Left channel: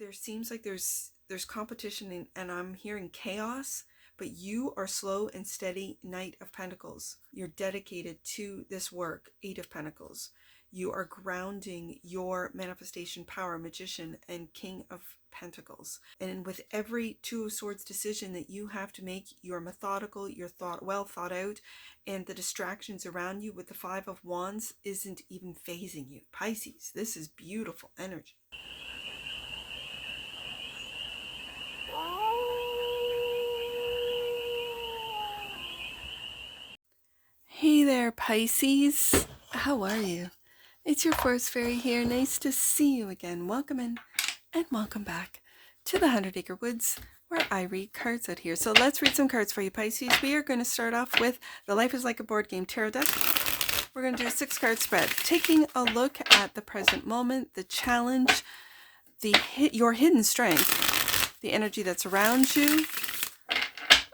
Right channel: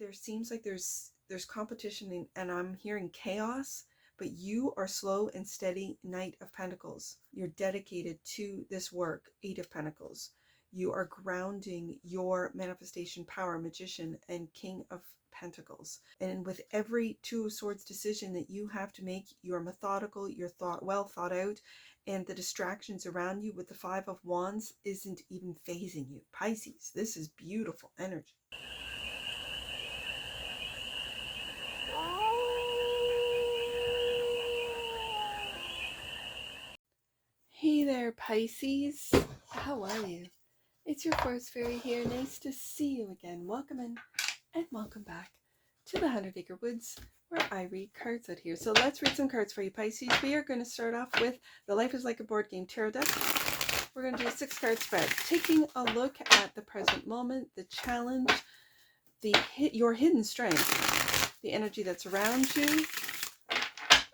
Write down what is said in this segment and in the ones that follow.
there seems like there's competition, and I'm hearing chaos, but you are slow and steady, Knight of Pentacles. You're dedicated to this work, Eight of Pentacles. You are grounding your manifestation power, Magician and King of Pentacles. And with every Two of Swords decision that you have to make, you're methodical, you're well thought out, and the distractions around you with the Five of Wands isn't even phasing you. Pisces, this is beautiful energy. Hey there, Pisces. How are you? It's your Forest Fairy here. Nice to see you again. Welcome in and welcome back to the 100 Acre Woods, where I read cards out here. So let's read some cards for you, Pisces. We are going to start off with the Life is Like a Board Game Tarot deck. We're going to do a 6-card spread, taking a look at the present moment, the challenge, your hidden strength, the energy that's around you,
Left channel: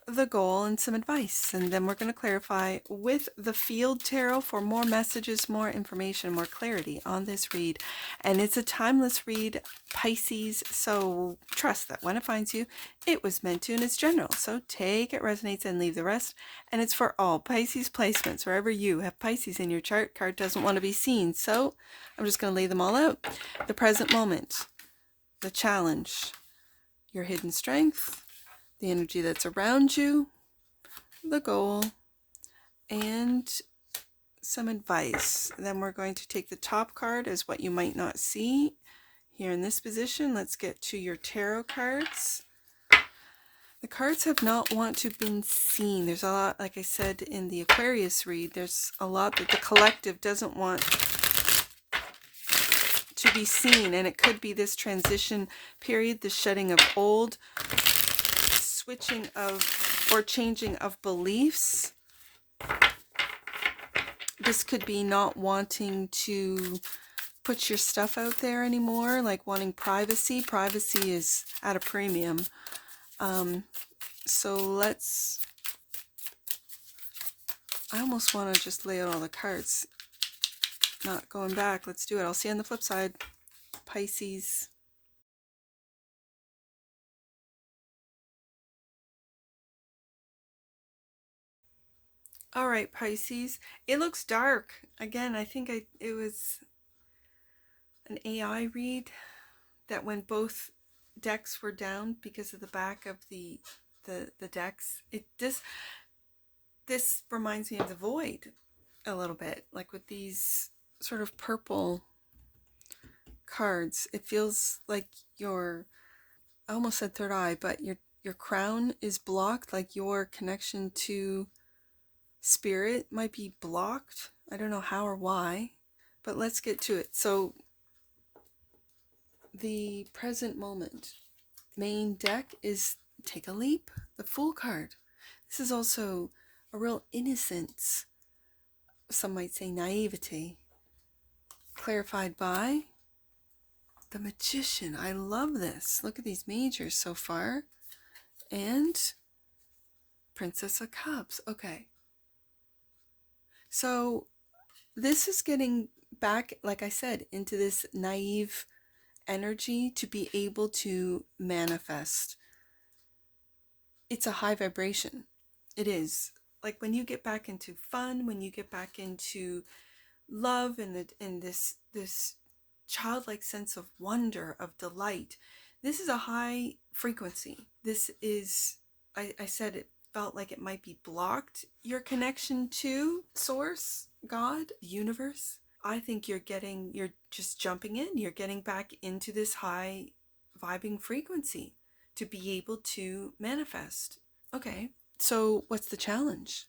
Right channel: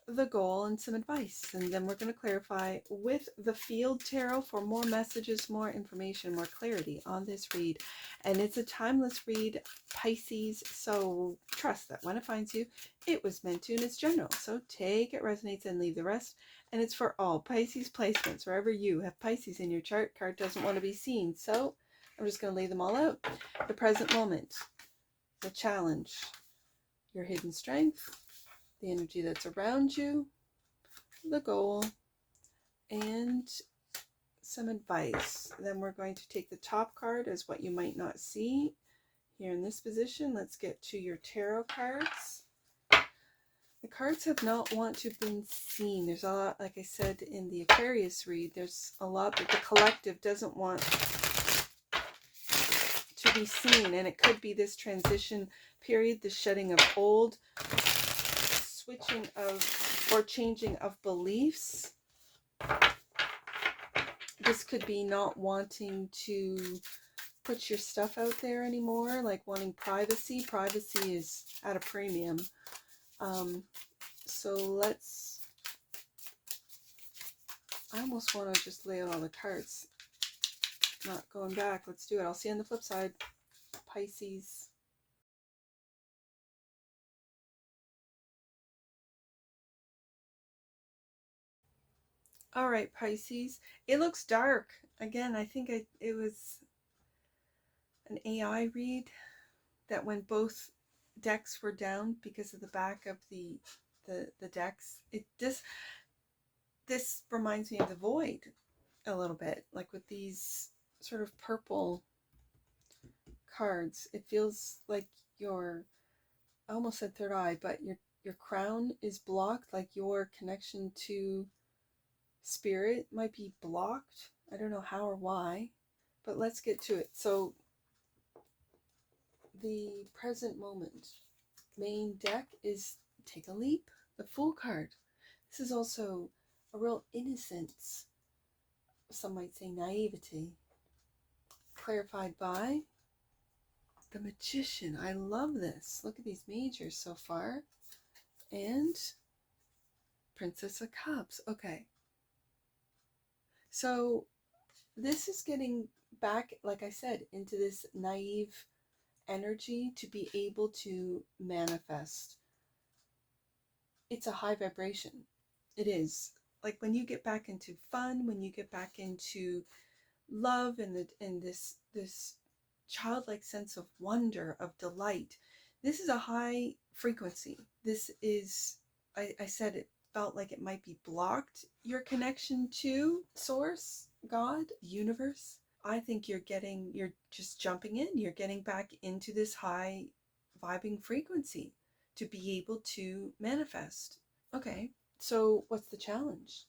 the goal, and some advice. And then we're going to clarify with the Field Tarot for more messages, more information, more clarity on this read. And it's a timeless read, Pisces, so trust that when it finds you, it was meant to, and it's general. So take it resonates and leave the rest. And it's for all Pisces placements. Wherever you have Pisces in your chart, card doesn't want to be seen. So I'm just going to lay them all out. The present moment, the challenge, your hidden strength, the energy that's around you, the goal, and some advice. Then we're going to take the top card as what you might not see here in this position. Let's get to your tarot cards. The cards have not want to been seen. There's a lot, like I said in the Aquarius read, there's a lot that the collective doesn't want to be seen, and it could be this transition period, the shedding of old, switching of or changing of beliefs. This could be not wanting to put your stuff out there anymore, like wanting privacy. Privacy is at a premium. So I almost want to just lay out all the cards, not going back. Let's do it. I'll see you on the flip side, Pisces. All right, Pisces. It looks dark. Again, I think it was an AI read that when both decks were down because of the back of the decks, this reminds me of the Void a little bit, like with these sort of purple cards. It feels like I almost said third eye, but your crown is blocked, like your connection to spirit might be blocked. I don't know how or why, but let's get to it. So the present moment main deck is Take a Leap, the Fool card. This is also a real innocence, some might say naivety, clarified by the Magician. I love this. Look at these majors so far. And Princess of Cups. Okay. So this is getting back, like I said, into this naive energy to be able to manifest. It's a high vibration. It is. Like when you get back into fun, when you get back into love and this childlike sense of wonder, of delight, this is a high frequency. This is, I said it felt like it might be blocked. Your connection to source, God, universe. I think you're just jumping in. You're getting back into this high vibing frequency to be able to manifest. Okay, so what's the challenge?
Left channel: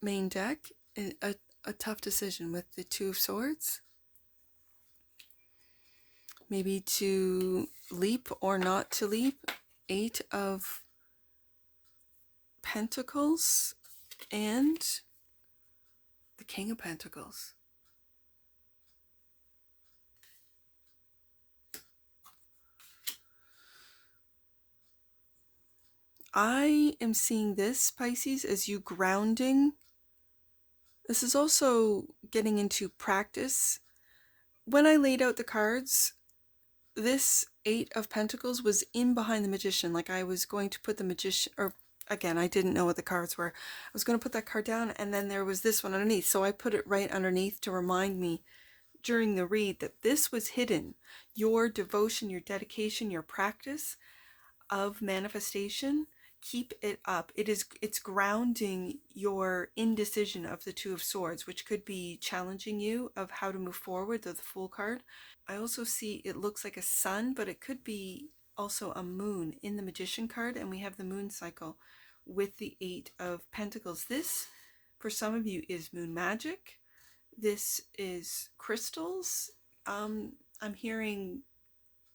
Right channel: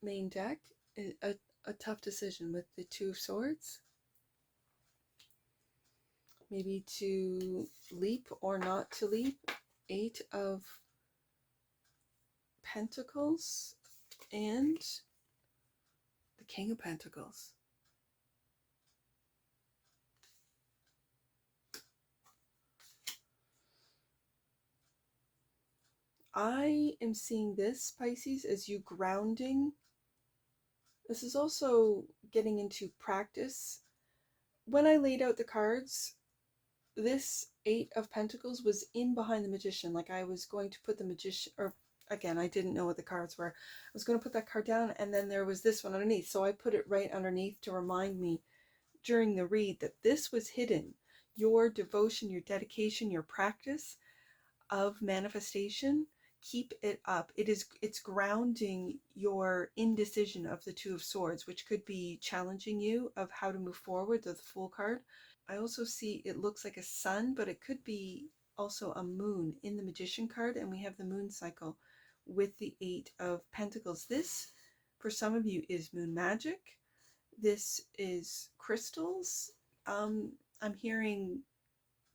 Main deck, a tough decision with the Two of Swords. Maybe to leap or not to leap. Eight of Pentacles and the King of Pentacles. I am seeing this, Pisces, as you grounding. This is also getting into practice. When I laid out the cards, this Eight of Pentacles was in behind the Magician. Like I was going to put the Magician, or again, I didn't know what the cards were. I was going to put that card down, and then there was this one underneath. So I put it right underneath to remind me during the read that this was hidden. Your devotion, your dedication, your practice of manifestation, keep it up. It's grounding your indecision of the Two of Swords, which could be challenging you of how to move forward, the Fool card. I also see it looks like a sun, but it could be also a moon in the Magician card, and we have the moon cycle with the Eight of Pentacles. This, for some of you, is moon magic. This is crystals. I'm hearing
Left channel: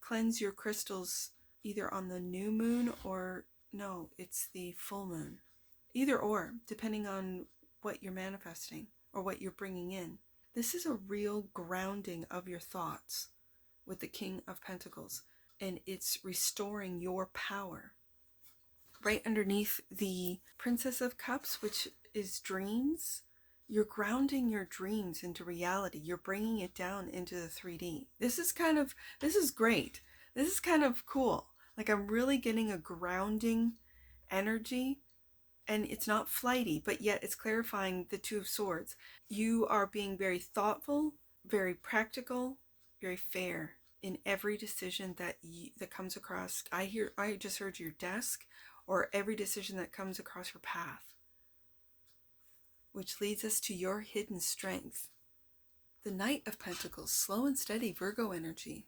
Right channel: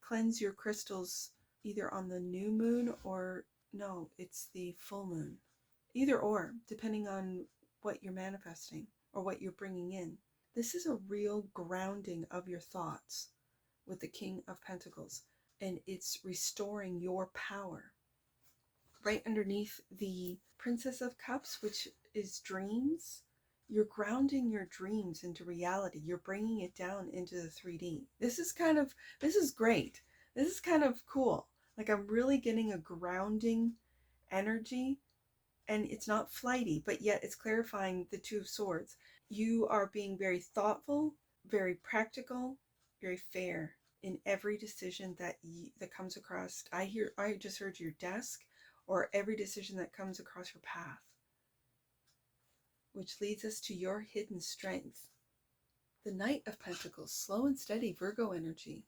cleanse your crystals either on the new moon or no, it's the full moon. Either or, depending on what you're manifesting or what you're bringing in. This is a real grounding of your thoughts with the King of Pentacles, and it's restoring your power. Right underneath the Princess of Cups, which is dreams, you're grounding your dreams into reality. You're bringing it down into the 3D. This is great. This is kind of cool. Like I'm really getting a grounding energy, and it's not flighty, but yet it's clarifying the Two of Swords. You are being very thoughtful, very practical, very fair in every decision that comes across. I just heard your desk, or every decision that comes across your path, which leads us to your hidden strength. The Knight of Pentacles, slow and steady Virgo energy.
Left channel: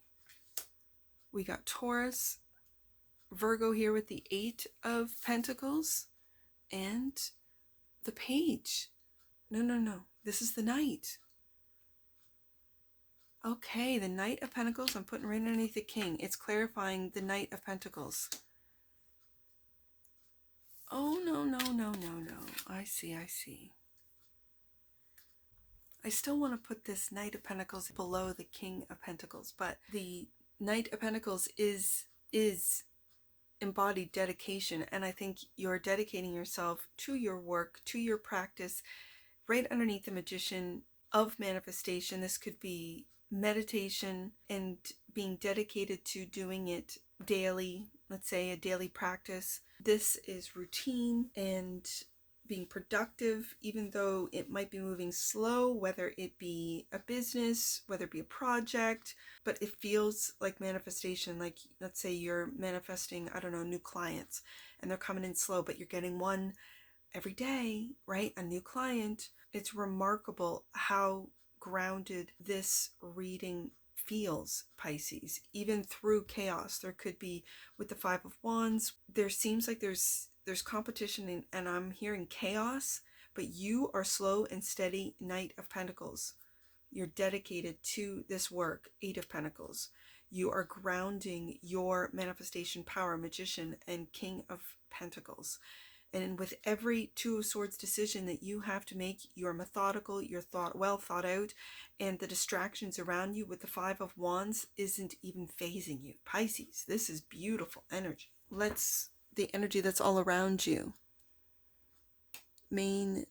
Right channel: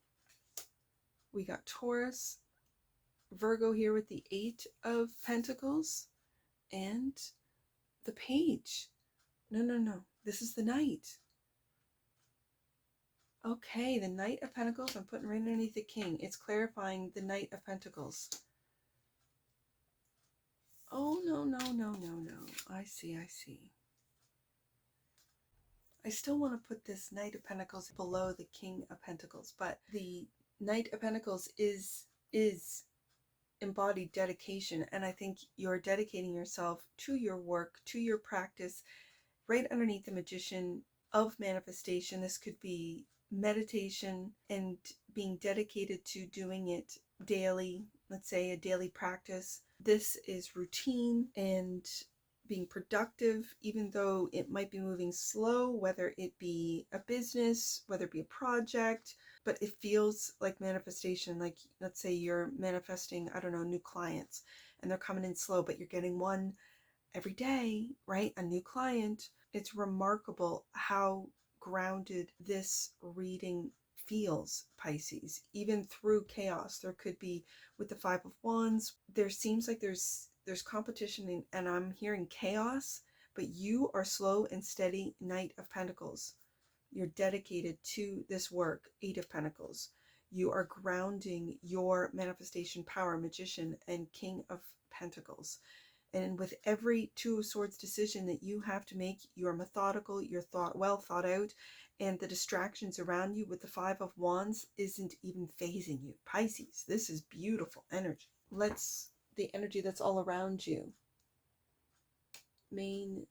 We got Taurus, Virgo here with the Eight of Pentacles, and the Page. No. This is the Knight. Okay, the Knight of Pentacles, I'm putting right underneath the King. It's clarifying the Knight of Pentacles. Oh, no. I see. I still want to put this Knight of Pentacles below the King of Pentacles, but the Knight of Pentacles is embodied dedication, and I think you're dedicating yourself to your work, to your practice. Right underneath the Magician of manifestation, this could be meditation and being dedicated to doing it daily. Let's say a daily practice. This is routine and being productive, even though it might be moving slow, whether it be a business, whether it be a project, but it feels like manifestation. Like let's say you're manifesting, I don't know, new clients, and they're coming in slow, but you're getting one every day, right? A new client. It's remarkable how grounded this reading feels, Pisces, even through chaos. There could be with the Five of Wands, there seems like there's competition, and I'm hearing chaos, but you are slow and steady Knight of Pentacles. You're dedicated to this work, Eight of Pentacles. You are grounding your manifestation power, Magician and King of Pentacles. And with every Two of Swords decision that you have to make, you're methodical, you're well thought out, and the distractions around you with the Five of Wands isn't even phasing you. Pisces, this is beautiful energy. The energy that's all around you. Main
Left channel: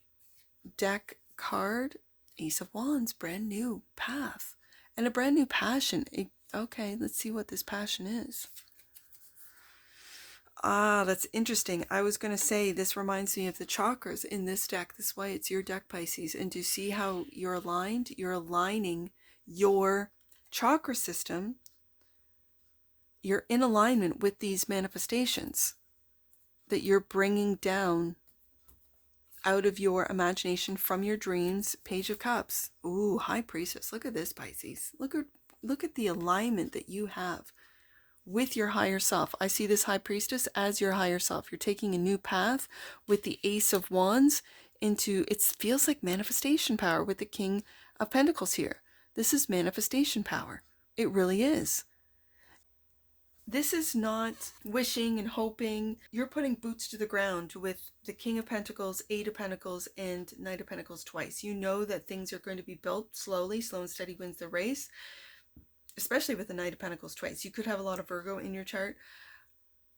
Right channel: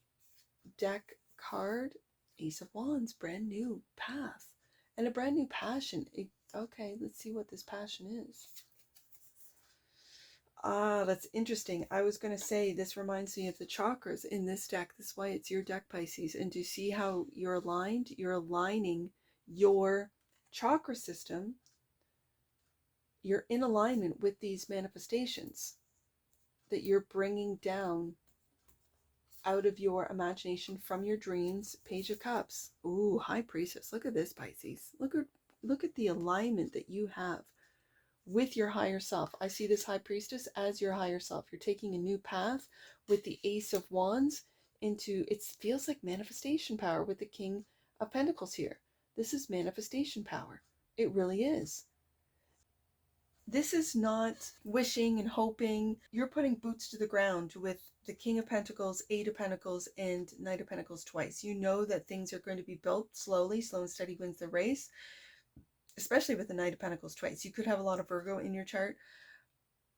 deck card, Ace of Wands, brand new path and a brand new passion. Okay, let's see what this passion is. That's interesting. I was going to say this reminds me of the chakras in this deck. This is why it's your deck, Pisces. And do you see how you're aligned? You're aligning your chakra system. You're in alignment with these manifestations that you're bringing down out of your imagination from your dreams. Page of Cups. Ooh, High Priestess. Look at this, Pisces. Look at the alignment that you have with your higher self. I see this High Priestess as your higher self. You're taking a new path with the Ace of Wands into, it feels like manifestation power with the King of Pentacles here. This is manifestation power. It really is. This is not wishing and hoping. You're putting boots to the ground with the King of Pentacles, Eight of Pentacles, and Knight of Pentacles twice. You know that things are going to be built slowly. Slow and steady wins the race. Especially with the Knight of Pentacles twice. You could have a lot of Virgo in your chart.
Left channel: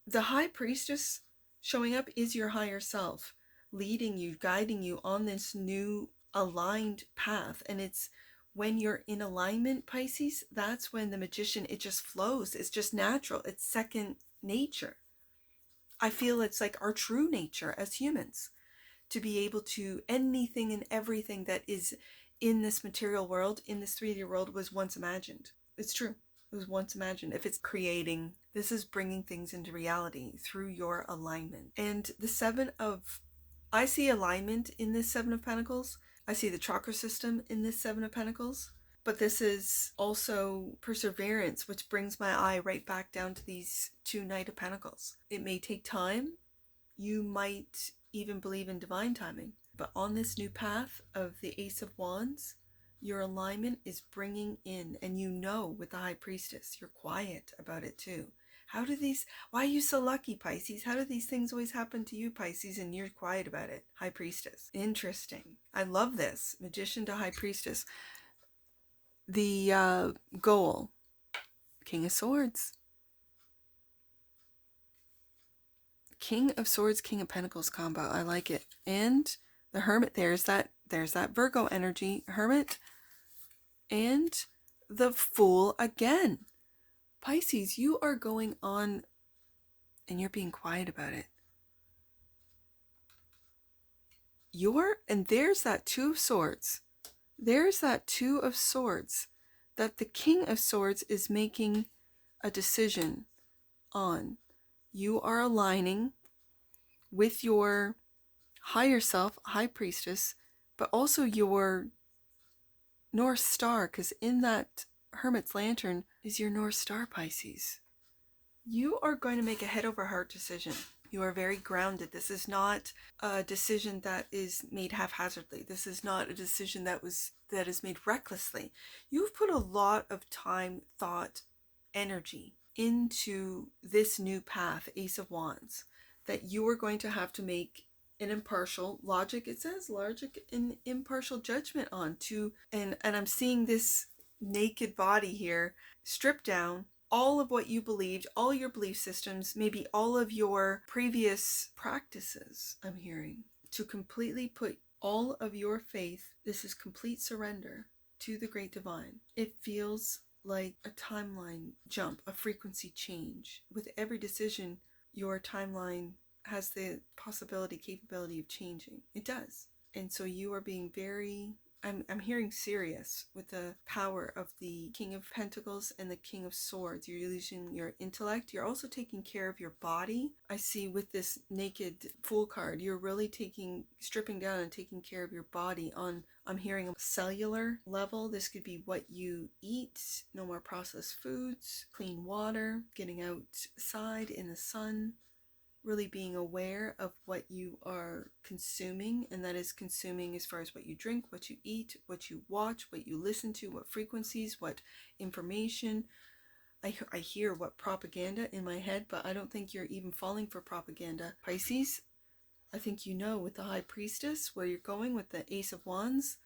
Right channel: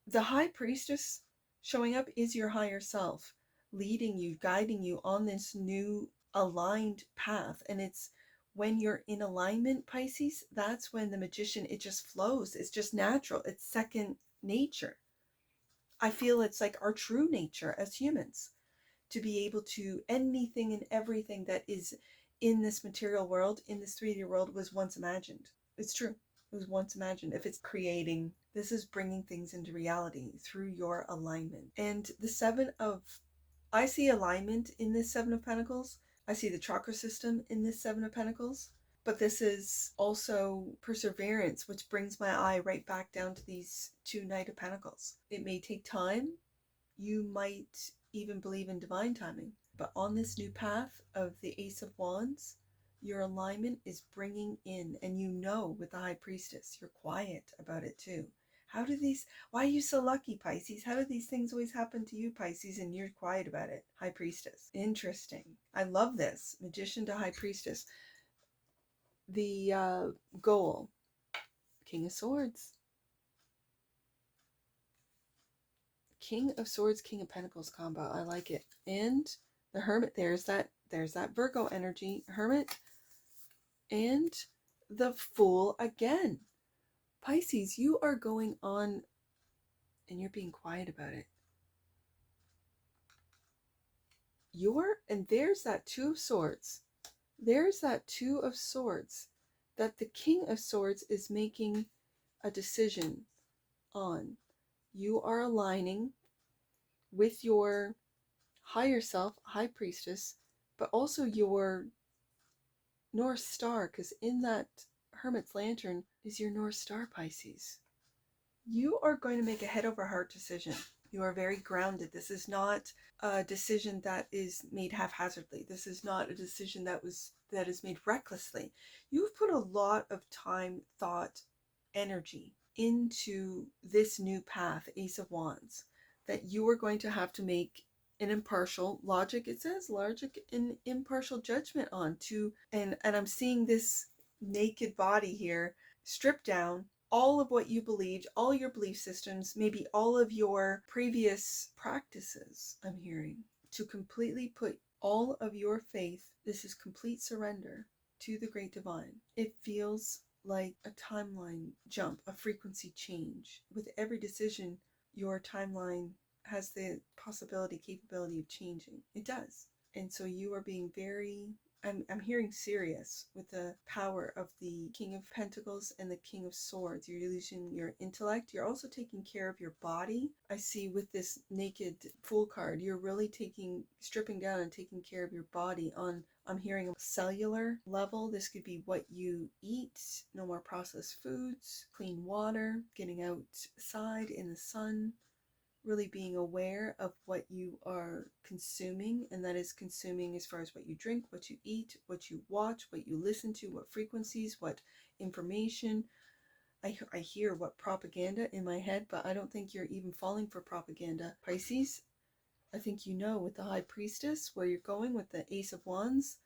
The High Priestess showing up is your higher self, leading you, guiding you on this new aligned path. And it's when you're in alignment, Pisces, that's when the magician, it just flows. It's just natural. It's second nature. I feel it's like our true nature as humans, to be able to, anything and everything that is in this material world, in this 3D world, was once imagined. It's true. It was once imagined. If it's creating, this is bringing things into reality through your alignment. And the I see alignment in this Seven of Pentacles. I see the chakra system in this Seven of Pentacles. But this is also perseverance, which brings my eye right back down to these two Knight of Pentacles. It may take time. You might even believe in divine timing. But on this new path of the Ace of Wands, your alignment is bringing in, and you know with the High Priestess, you're quiet about it too. Why are you so lucky, Pisces? How do these things always happen to you, Pisces, and you're quiet about it? High Priestess. Interesting. I love this. Magician to High Priestess. The goal, King of Swords. King of Swords, King of Pentacles combo. I like it. And the Hermit, there's that Virgo energy. Hermit. And the Fool again. Pisces, you are going on and you're being quiet about it. And there's that Two of Swords. There's that Two of Swords that the King of Swords is making a decision on. You are aligning with your higher self, High Priestess, but also your North Star, because in that Hermit's Lantern is your North Star, Pisces. You are going to make a head over heart decision. You are very grounded. This is not a decision that is made haphazardly. This is not a decision that is made recklessly. You've put a lot of time, thought, energy into this new path, Ace of Wands, that you are going to have to make an impartial logic. It says logic and impartial judgment on to, and I'm seeing this naked body here, stripped down, all of what you believed, all your belief systems, maybe all of your previous practices, I'm hearing, to completely put all of your faith. This is complete surrender to the Great Divine. It feels like a timeline jump, a frequency change. With every decision, your timeline has the capability of changing. It does. And so you are being very, I'm hearing serious with the power of the King of Pentacles and the King of Swords. You're using your intellect. You're also taking care of your body. I see with this naked Fool card, you're really stripping down and taking care of your body on, I'm hearing, a cellular level. This could be what you eat, no more processed foods, clean water, getting outside in the sun, really being aware of what you are consuming, and that is consuming as far as what you drink, what you eat, what you watch, what you listen to, what frequencies, what information. I hear what propaganda in my head, but I don't think you're even falling for propaganda, Pisces. I think you know with the High Priestess where you're going with the Ace of Wands,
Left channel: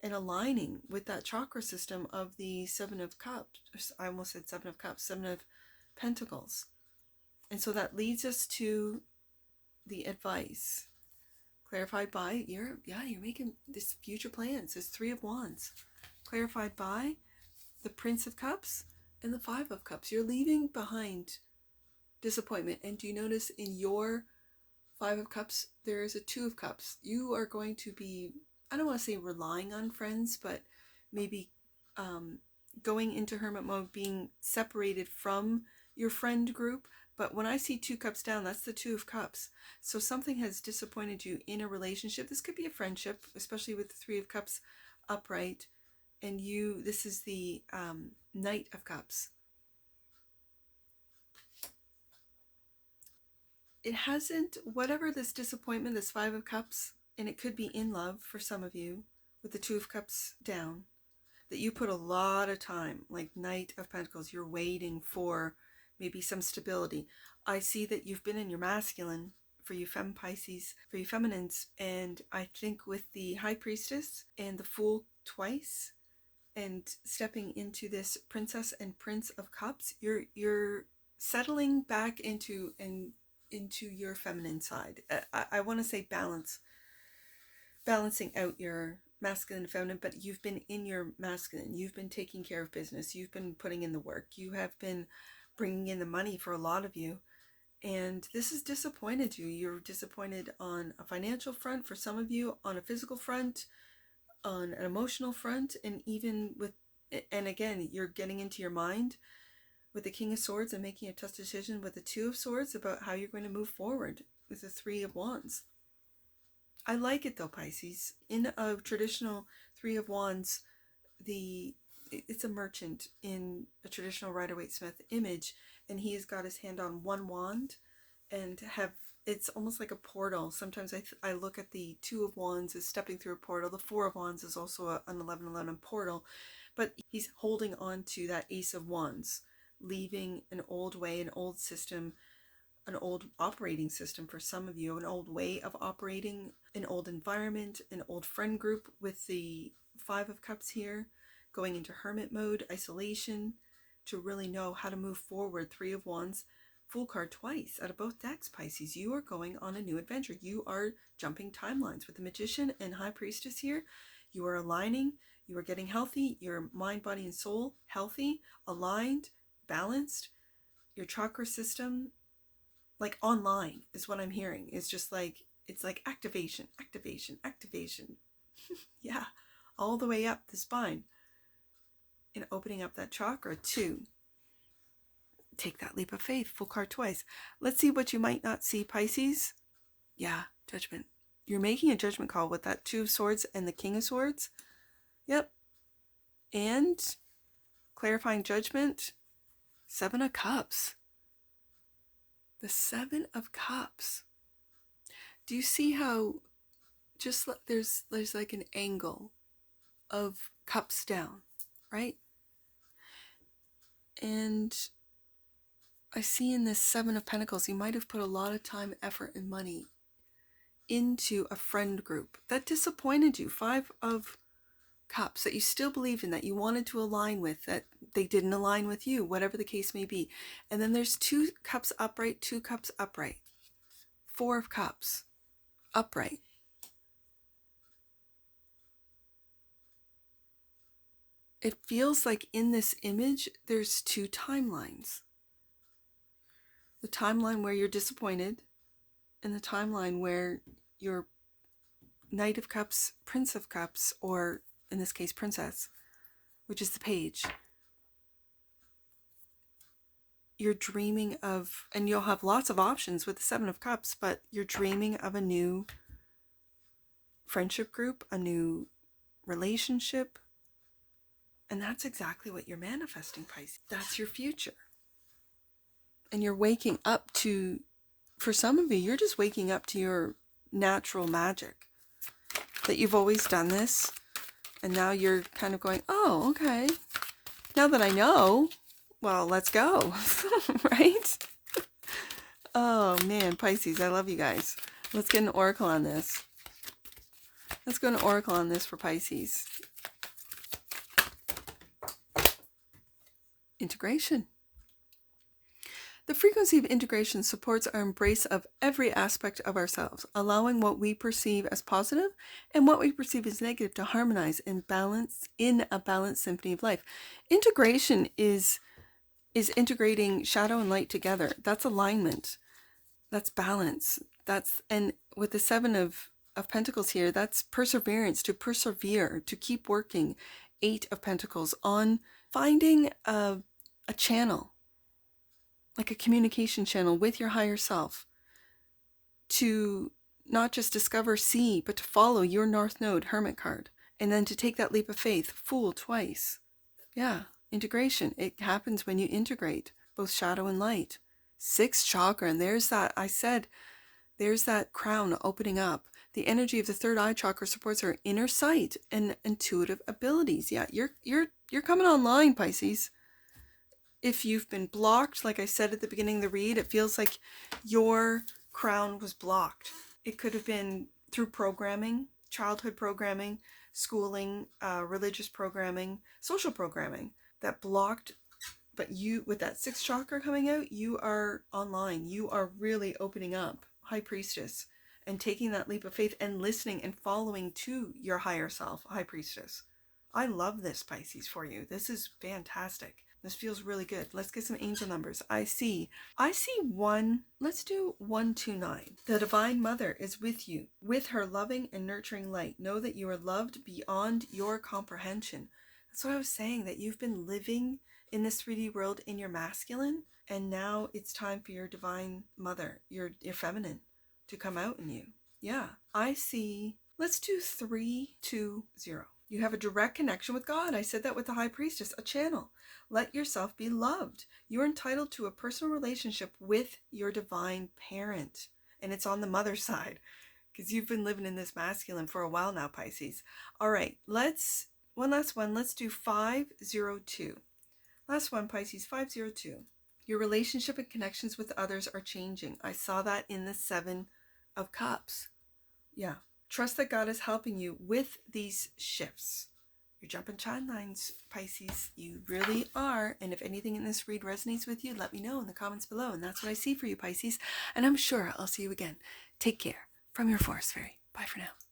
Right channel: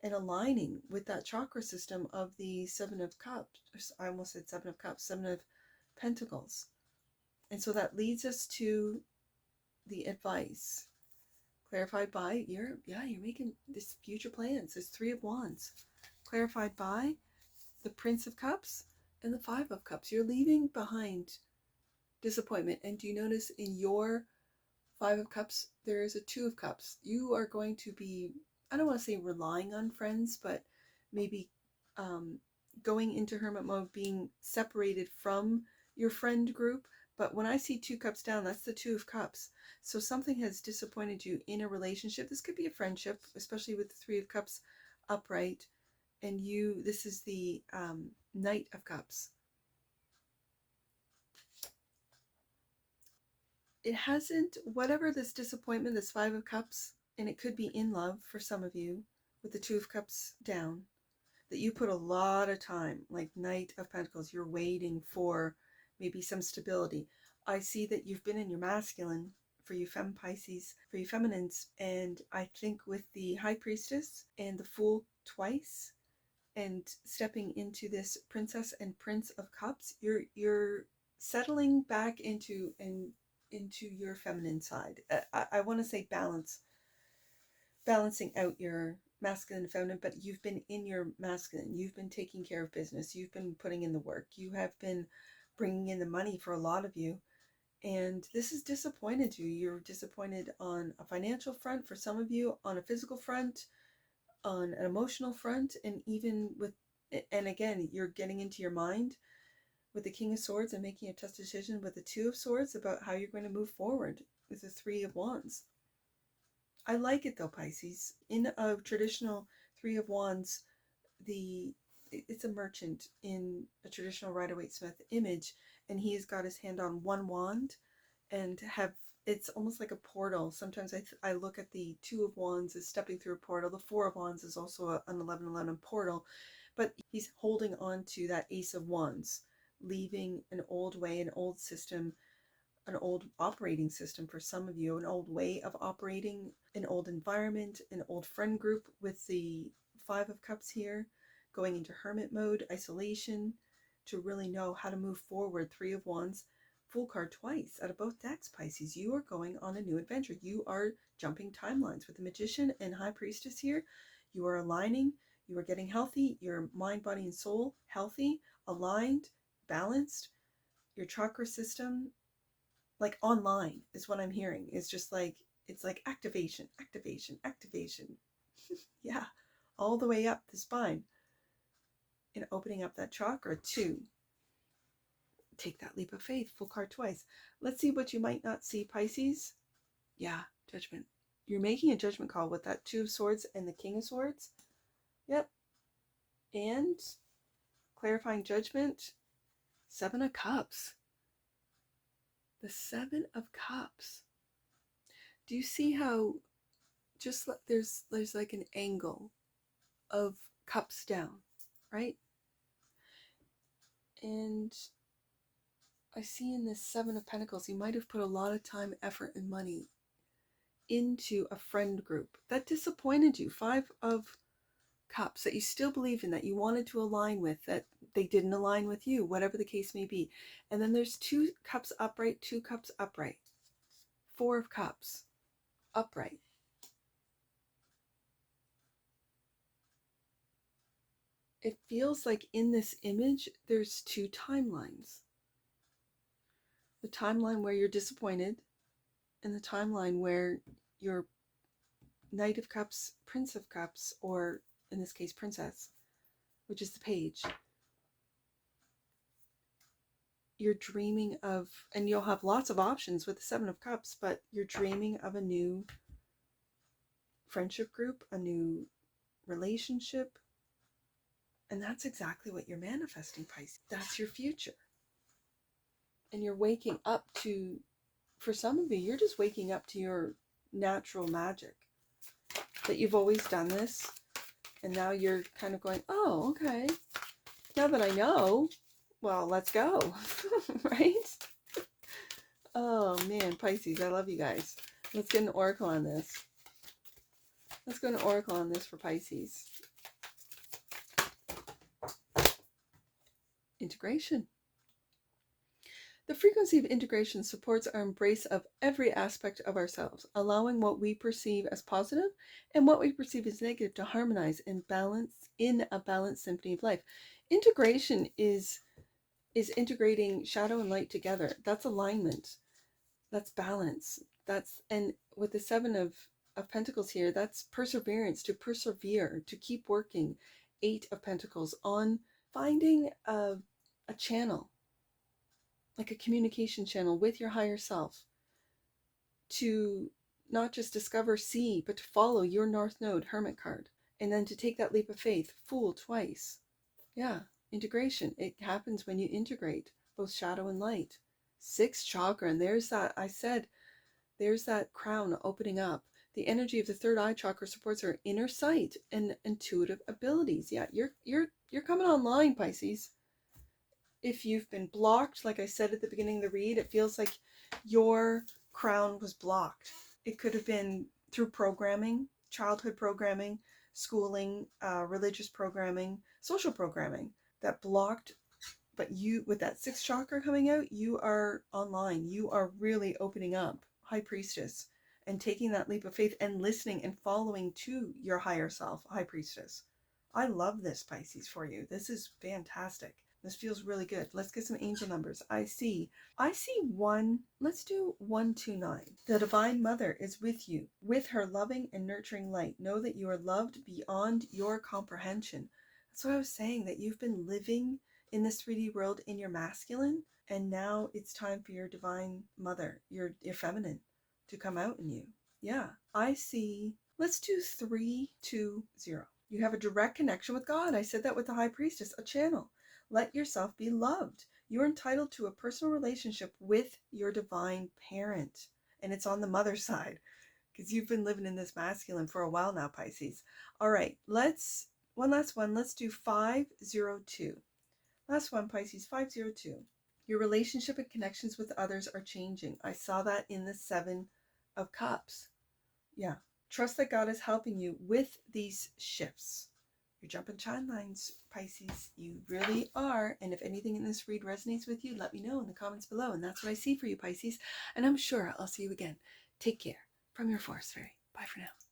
and aligning with that chakra system of the Seven of Cups. I almost said Seven of Cups, Seven of Pentacles. And so that leads us to the advice clarified by you're making this future plans. There's Three of Wands clarified by the Prince of Cups and the Five of Cups. You're leaving behind disappointment. And do you notice in your Five of Cups there is a Two of Cups? You are going to be, I don't want to say relying on friends, but maybe going into hermit mode, being separated from your friend group. But when I see Two Cups down, that's the Two of Cups. So something has disappointed you in a relationship. This could be a friendship, especially with the Three of Cups upright. And this is the Knight of Cups. It hasn't, whatever this disappointment, this Five of Cups, and it could be in love for some of you with the Two of Cups down, that you put a lot of time, like Knight of Pentacles, you're waiting for maybe some stability. I see that you've been in your masculine, for you Pisces, for you feminines, and I think with the High Priestess and the Fool twice, and stepping into this Princess and Prince of Cups, you're settling back into your feminine side. I want to say balancing out your masculine and feminine, but you've been in your masculine. You've been taking care of business. You've been putting in the work. You have been bringing in the money for a lot of you. And this has disappointed you. You're disappointed on a financial front for some of you, on a physical front, on an emotional front, and even with, and again, you're getting into your mind with the King of Swords and making a tough decision with the Two of Swords about how you're going to move forward with the Three of Wands. I like it though, Pisces. In a traditional Three of Wands, it's a merchant in a traditional Rider-Waite-Smith image, and he has got his hand on one wand and it's almost like a portal. Sometimes I look at the Two of Wands as stepping through a portal. The Four of Wands is also an 11:11 portal, but he's holding on to that Ace of Wands, leaving an old way, an old system, an old operating system for some of you, an old way of operating, an old environment, an old friend group with the Five of Cups here, going into hermit mode, isolation, to really know how to move forward. Three of Wands, Fool card twice out of both decks, Pisces. You are going on a new adventure. You are jumping timelines with the Magician and High Priestess here. You are aligning. You are getting healthy. Your mind, body, and soul healthy, aligned, balanced. Your chakra system, like online, is what I'm hearing. It's just like, it's like activation, activation, activation. Yeah, all the way up the spine and opening up that chakra to take that leap of faith. Full card twice. Let's see what you might not see, Pisces. Yeah, judgment. You're making a judgment call with that Two of Swords and the King of Swords. Yep. And clarifying judgment, Seven of Cups. The Seven of Cups. Do you see how just there's like an angle of cups down, right? And I see in this Seven of Pentacles, you might have put a lot of time, effort, and money into a friend group that disappointed you. Five of Cups that you still believe in, that you wanted to align with, that they didn't align with you, whatever the case may be. And then there's Two Cups upright, Two Cups upright, Four of Cups upright. It feels like in this image, there's two timelines. The timeline where you're disappointed, and the timeline where you're Knight of Cups, Prince of Cups, or in this case, Princess, which is the Page. You're dreaming of, and you'll have lots of options with the Seven of Cups, but you're dreaming of a new friendship group, a new relationship. And that's exactly what you're manifesting, Pisces. That's your future. And you're waking up to, for some of you, you're just waking up to your natural magic. That you've always done this, and now you're kind of going, oh, okay. Now that I know, well, let's go. Right? Oh, man, Pisces, I love you guys. Let's get an oracle on this. Let's go an oracle on this for Pisces. Integration. The frequency of integration supports our embrace of every aspect of ourselves, allowing what we perceive as positive and what we perceive as negative to harmonize and balance in a balanced symphony of life. Integration is integrating shadow and light together. That's alignment. That's balance. And with the Seven of Pentacles here, that's perseverance, to persevere, to keep working. Eight of Pentacles on finding a channel, like a communication channel with your higher self, to not just discover, see, but to follow your North Node, Hermit card, and then to take that leap of faith, Fool twice. Yeah, integration. It happens when you integrate both shadow and light. Sixth chakra, and there's that, I said, there's that crown opening up. The energy of the third eye chakra supports our inner sight and intuitive abilities. Yeah, you're coming online, Pisces. If you've been blocked, like I said at the beginning of the read, it feels like your crown was blocked. It could have been through programming, childhood programming, schooling, religious programming, social programming that blocked. But you, with that sixth chakra coming out, you are online. You are really opening up. High Priestess. and taking that leap of faith and listening and following to your higher self, High Priestess. I love this, Pisces, for you. This is fantastic. This feels really good. Let's get some angel numbers. I see one. Let's do 129. The Divine Mother is with you, with her loving and nurturing light. Know that you are loved beyond your comprehension. That's what I was saying, that you've been living in this 3D world in your masculine, and now it's time for your Divine Mother, your feminine, to come out in you. Yeah, I see. Let's do 320. You have a direct connection with God. I said that with the High Priestess, a channel. Let yourself be loved. You're entitled to a personal relationship with your divine parent. And it's on the mother side, because you've been living in this masculine for a while now, Pisces. All right, one last one. Let's do 502. Last one, Pisces, 502. Your relationship and connections with others are changing. I saw that in the 7 of Cups. Yeah. Trust that God is helping you with these shifts. You're jumping shine lines, Pisces. You really are. And if anything in this read resonates with you, let me know in the comments below. And that's what I see for you, Pisces. And I'm sure I'll see you again. Take care. From your Forest Fairy. Bye for now.